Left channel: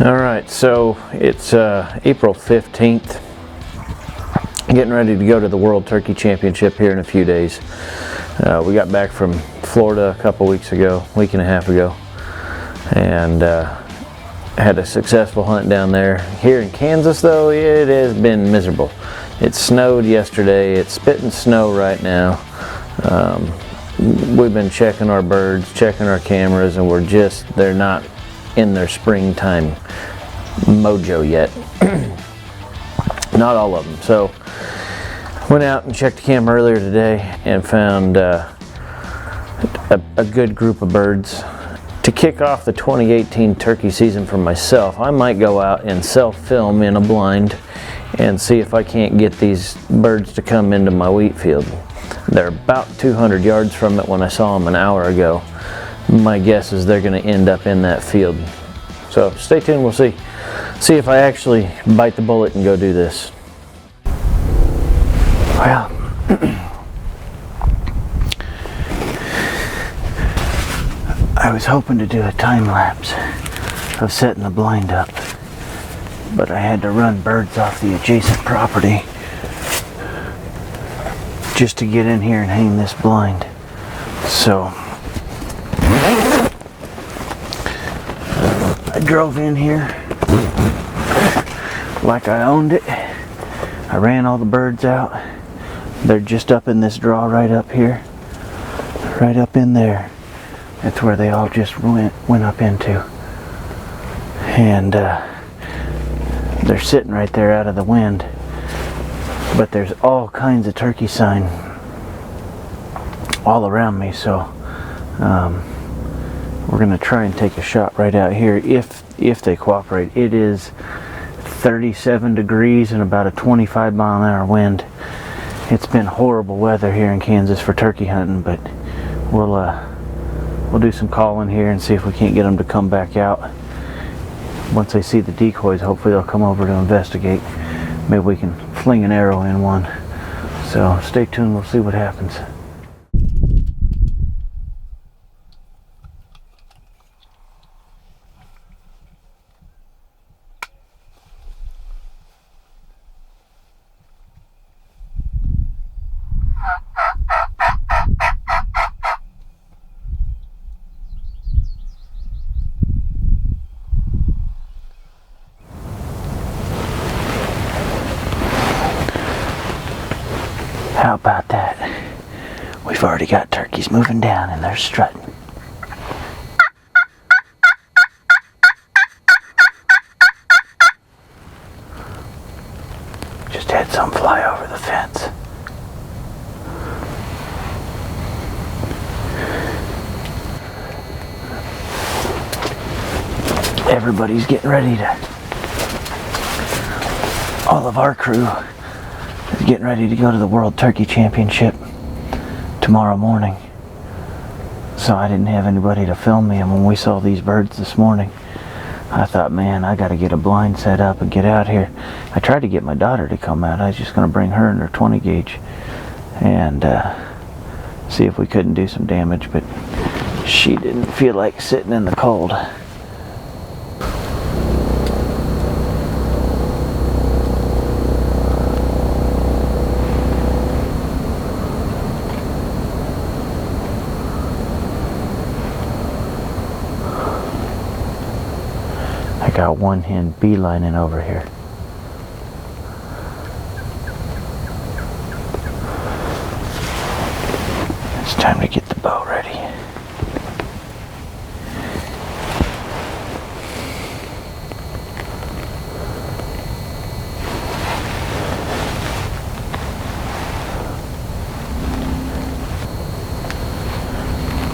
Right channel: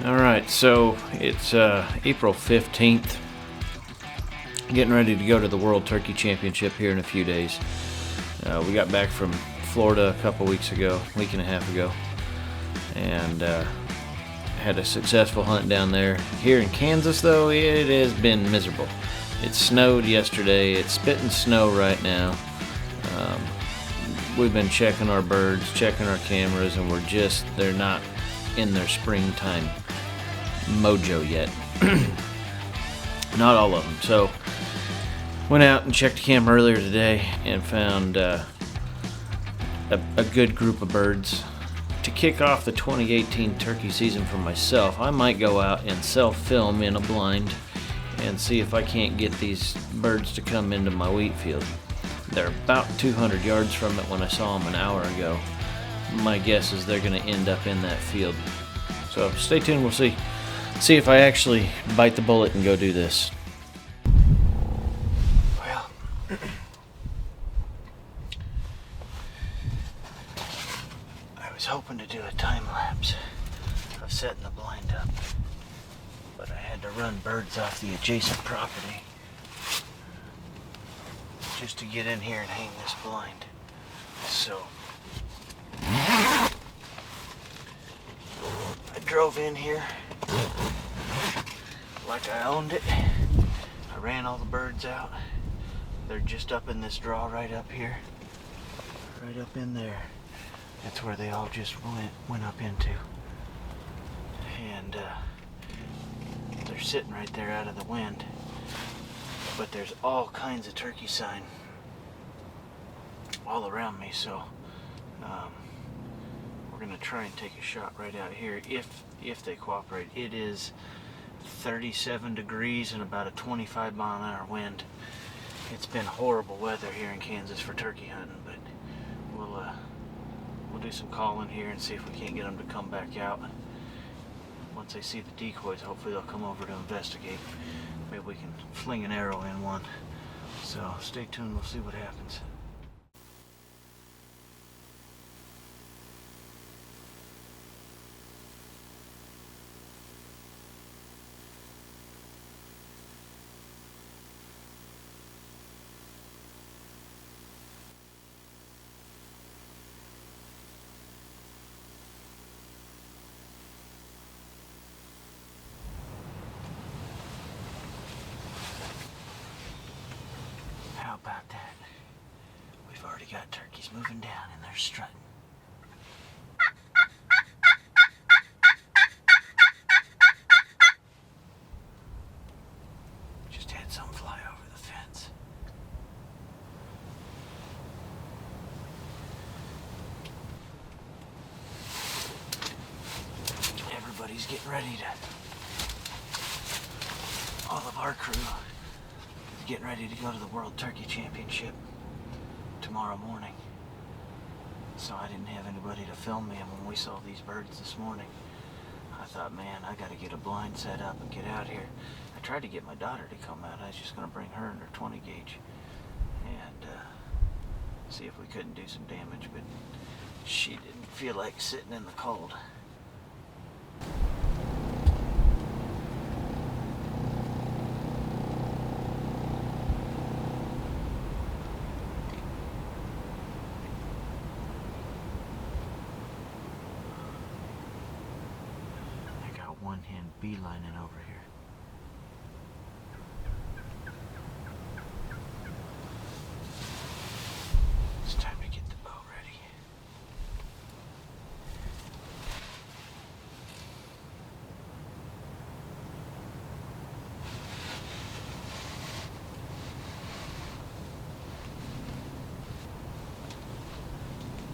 All right, so it's April 15th. Getting ready to go to the World Turkey Championship here in a few days. We got back from Florida a couple weeks ago, week and a half ago, and had a successful hunt down there. Here in Kansas though, it has been miserable. It snowed yesterday, it's spitting snow right now. We've been checking our birds, checking our cameras, and they're not in their springtime mojo yet. Not all of them. So went out and checked the camera earlier today and found a good group of birds. To kick off the 2018 turkey season for myself, I might go out and self-film in a blind and see if I can't get these birds to come into my wheat field. They're about 200 yards from it when I saw them an hour ago. My guess is they're going to end up in that field. So stay tuned, we'll see if I actually bite the bullet and go do this. Well, I was hoping to do a time lapse of setting the blind up, but I had to run birds off the adjacent property just to get in here and hang this blind. So I drove in here like I owned it. I ran all the birds out. They're just up in this draw right up here. Right up in there. That's where they all just went up into. And they're sitting right there out of the wind. But there's all kinds of turkey sign all around me, so we're gonna try and take a shot right out here if they cooperate. It is 37 degrees and about a 25-mile-an-hour wind. It's been horrible weather here in Kansas for turkey hunting, but we'll do some calling here and see if we can't get them to come back out. Once they see the decoys, hopefully they'll come over to investigate. Maybe we can fling an arrow in one. So stay tuned, we'll see what happens. How about that? We've already got turkeys moving down and they're strutting. Just had some fly over the fence. Everybody's getting ready to, all of our crew is getting ready to go to the World Turkey Championship tomorrow morning. So I didn't have anybody to film me, and when we saw these birds this morning, I thought, man, I gotta get a blind set up and get out here. I tried to get my daughter to come out. I was just gonna bring her in her 20 gauge and see if we couldn't do some damage, but she didn't feel like sitting in the cold. I got one hen beelining over here. It's time to get the bow ready.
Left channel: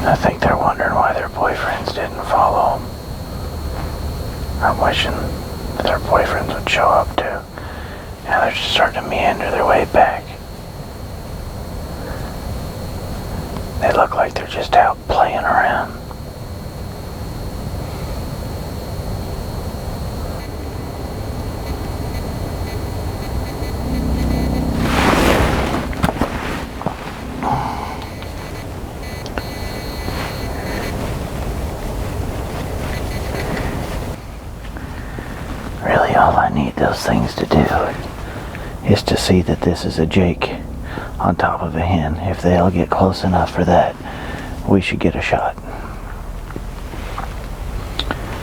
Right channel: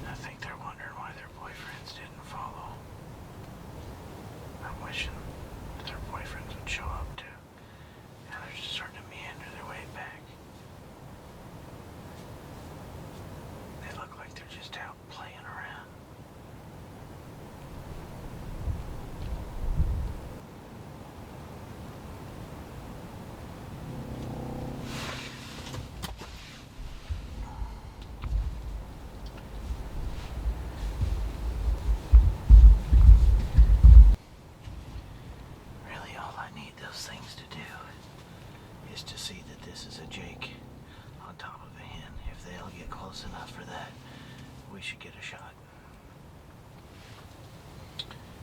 I think they're wondering why their boyfriends didn't follow them. I'm wishing that their boyfriends would show up too. Now they're just starting to meander their way back. They look like they're just out playing around. I need those things to do is to see that this is a Jake on top of a hen. If they'll get close enough for that, we should get a shot.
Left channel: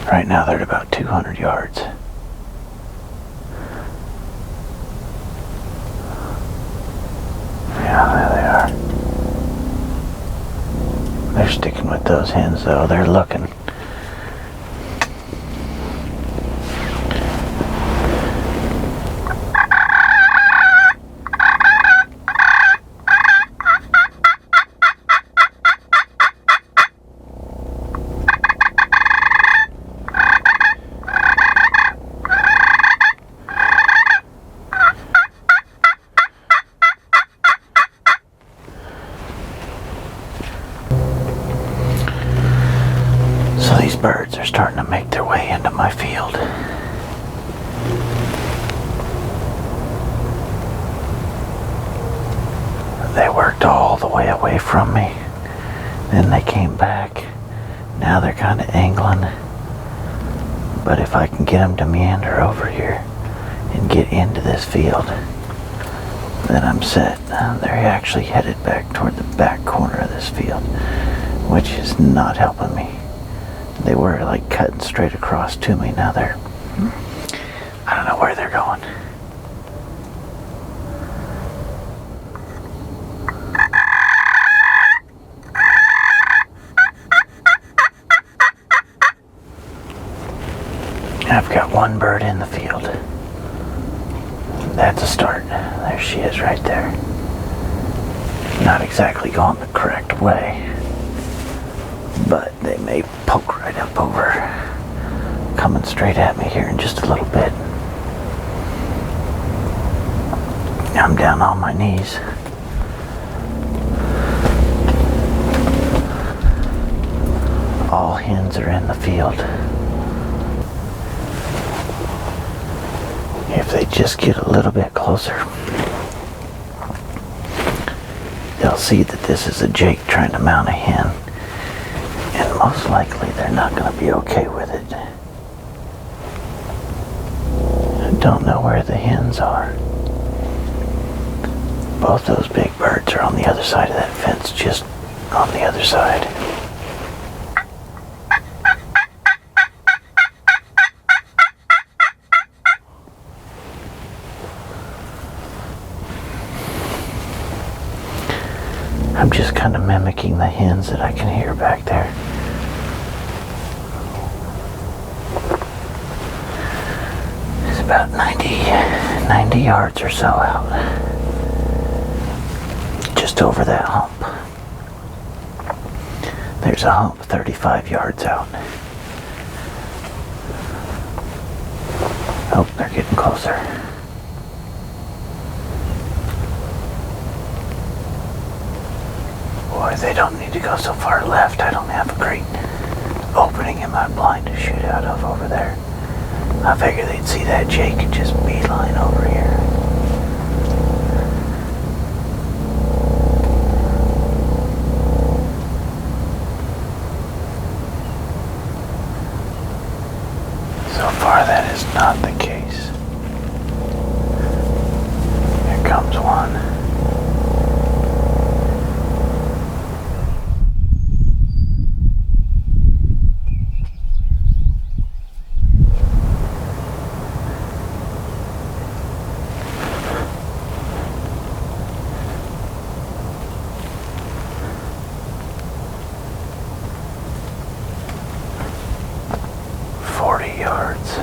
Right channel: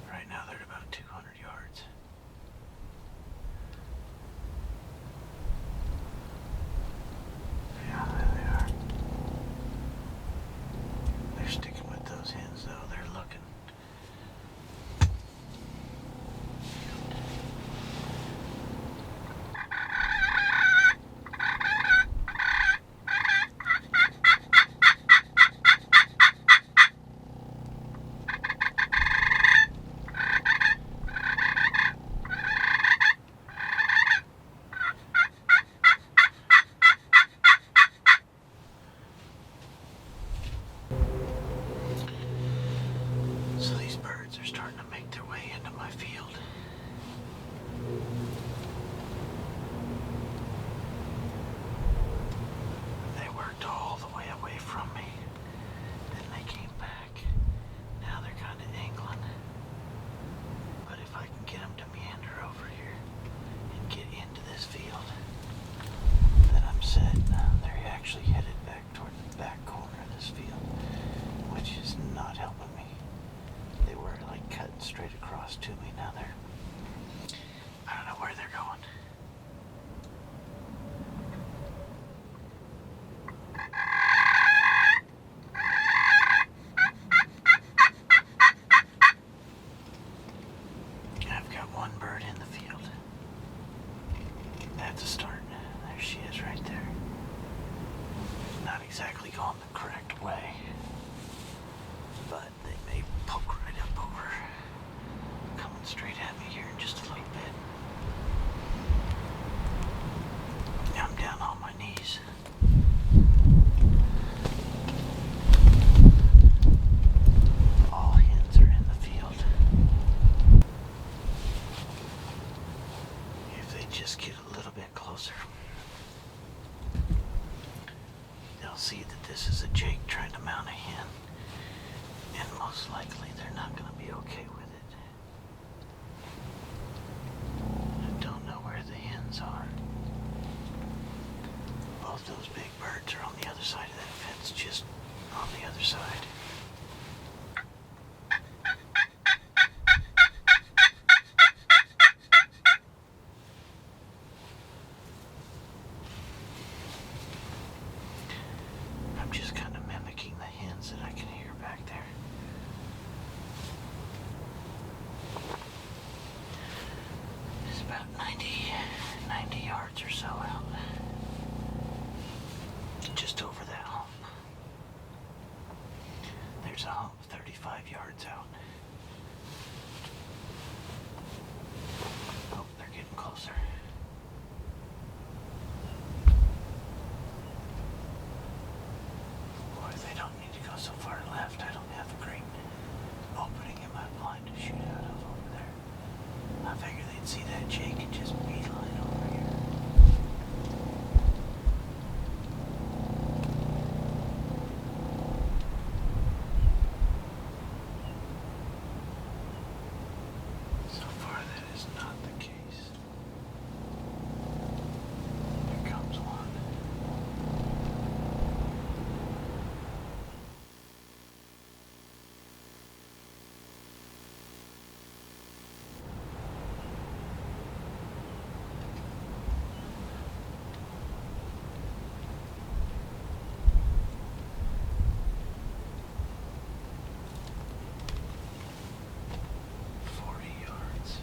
Right now they're at about 200 yards. Yeah, there they are. They're sticking with those hens though. They're looking. So these birds are starting to make their way into my field. They worked all the way away from me. Then they came back. Now they're kind of angling. But if I can get them to meander over here and get into this field, then I'm set. They're actually headed back toward the back corner of this field, which is not helping me. They were like cutting straight across to me. Now I don't know where they're going. I've got one bird in the field. That's a start. There she is right there. Not exactly going the correct way, but they may poke right up over, coming straight at me here in just a little bit. I'm down on my knees. All hens are in the field. If they just get a little bit closer, they'll see that this is a Jake trying to mount a hen. And most likely they're not going to be okay with it. I don't know where the hens are. Both those big birds are on the other side of that fence, just on the other side. I'm just kind of mimicking the hens that I can hear back there. It's about 90 yards or so out. Just over that hump. There's a hump 35 yards out. Oh, they're getting closer. Boy, they don't need to go so far left. I don't have a great opening in my blind to shoot out of over there. I figured they'd see that Jake and just beeline over here. So far, that is not the case. Here comes one. Yards.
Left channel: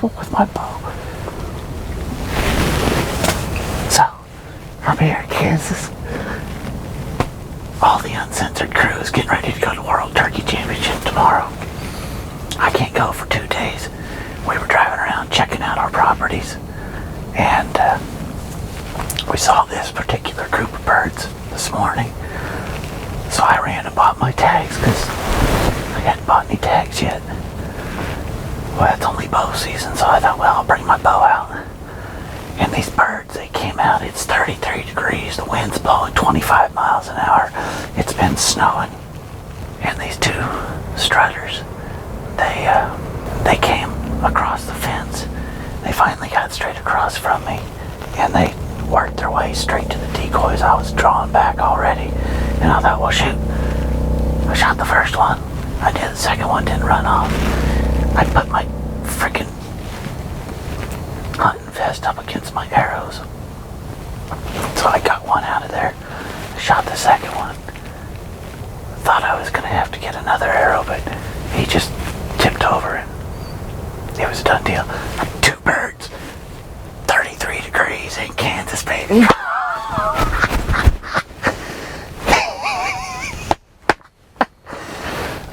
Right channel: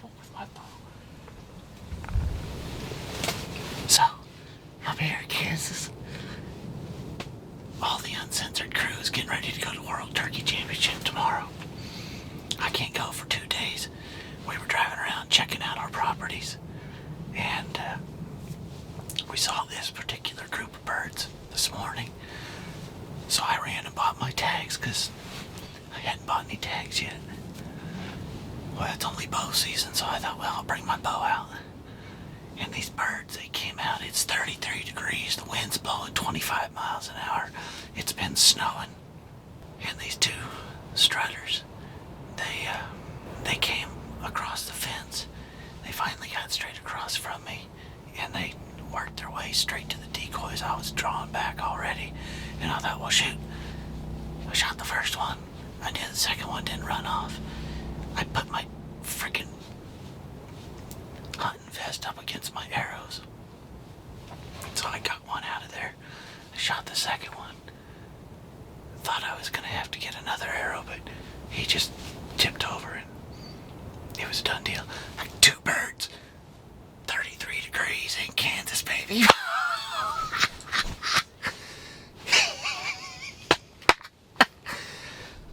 trouble with my bow. So, I'm here in Kansas. All the Uncensored crew is getting ready to go to World Turkey Championship tomorrow. I can't go for 2 days. We were driving around checking out our properties, and we saw this particular group of birds this morning. So I ran and bought my tags because I hadn't bought any tags yet. Well, it's only bow season, so I thought, well, I'll bring my bow out. And these birds, they came out, it's 33 degrees, the wind's blowing 25 miles an hour, it's been snowing. And these two strutters, they came across the fence. They finally got straight across from me, and they worked their way straight to the decoys. I was drawing back already, and I thought, well, shoot, I shot the first one. I did, the second one didn't run off. I put my freaking hunting vest up against my arrows, so I got one out of there. I shot the second one. Thought I was gonna have to get another arrow, but he just tipped over and it was a done deal. 2 birds, 33 degrees in Kansas, baby.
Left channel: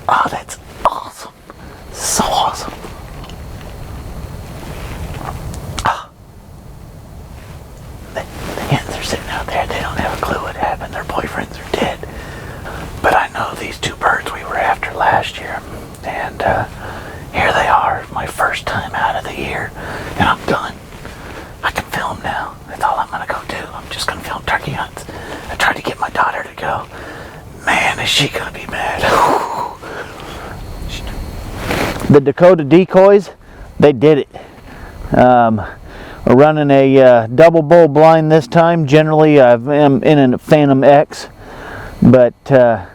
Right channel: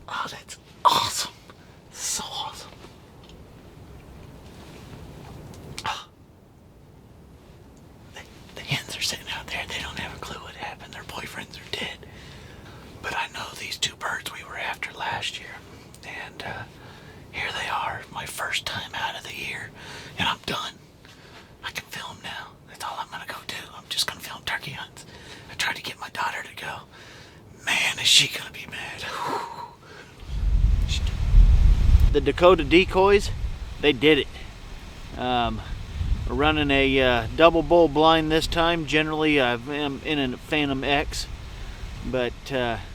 Oh, that's awesome. So awesome. Oh. The hens are sitting out there. They don't have a clue what happened. Their boyfriends are dead. But I know these 2 birds we were after last year. And here they are, my first time out of the year. And I'm done. I can film now. That's all I'm going to go do. I'm just going to film turkey hunts. I tried to get my daughter to go. Man, is she going to be mad. The Dakota decoys, they did it. We're running a double bull blind this time. Generally, I'm in a Phantom X, but I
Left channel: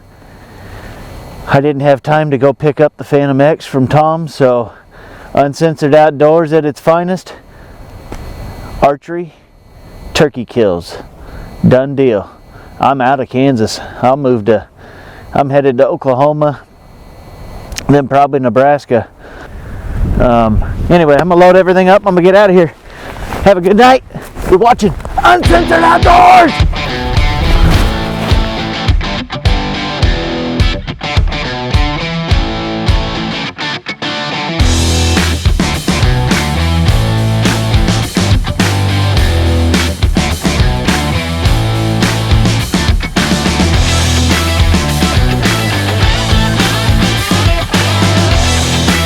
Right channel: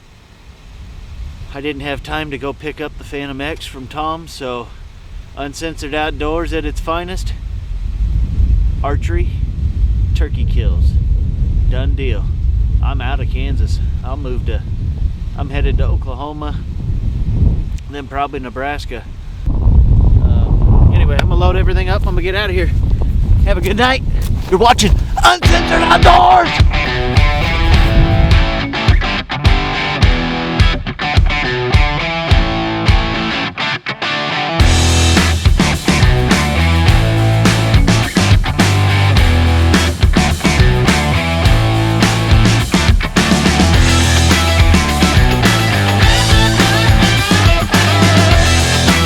didn't have time to go pick up the Phantom X from Tom, so Uncensored Outdoors at its finest. Archery, turkey kills. Done deal. I'm out of Kansas. I'm headed to Oklahoma, then probably Nebraska. Anyway, I'm gonna load everything up. I'm gonna get out of here. Have a good night. We're watching Uncensored Outdoors.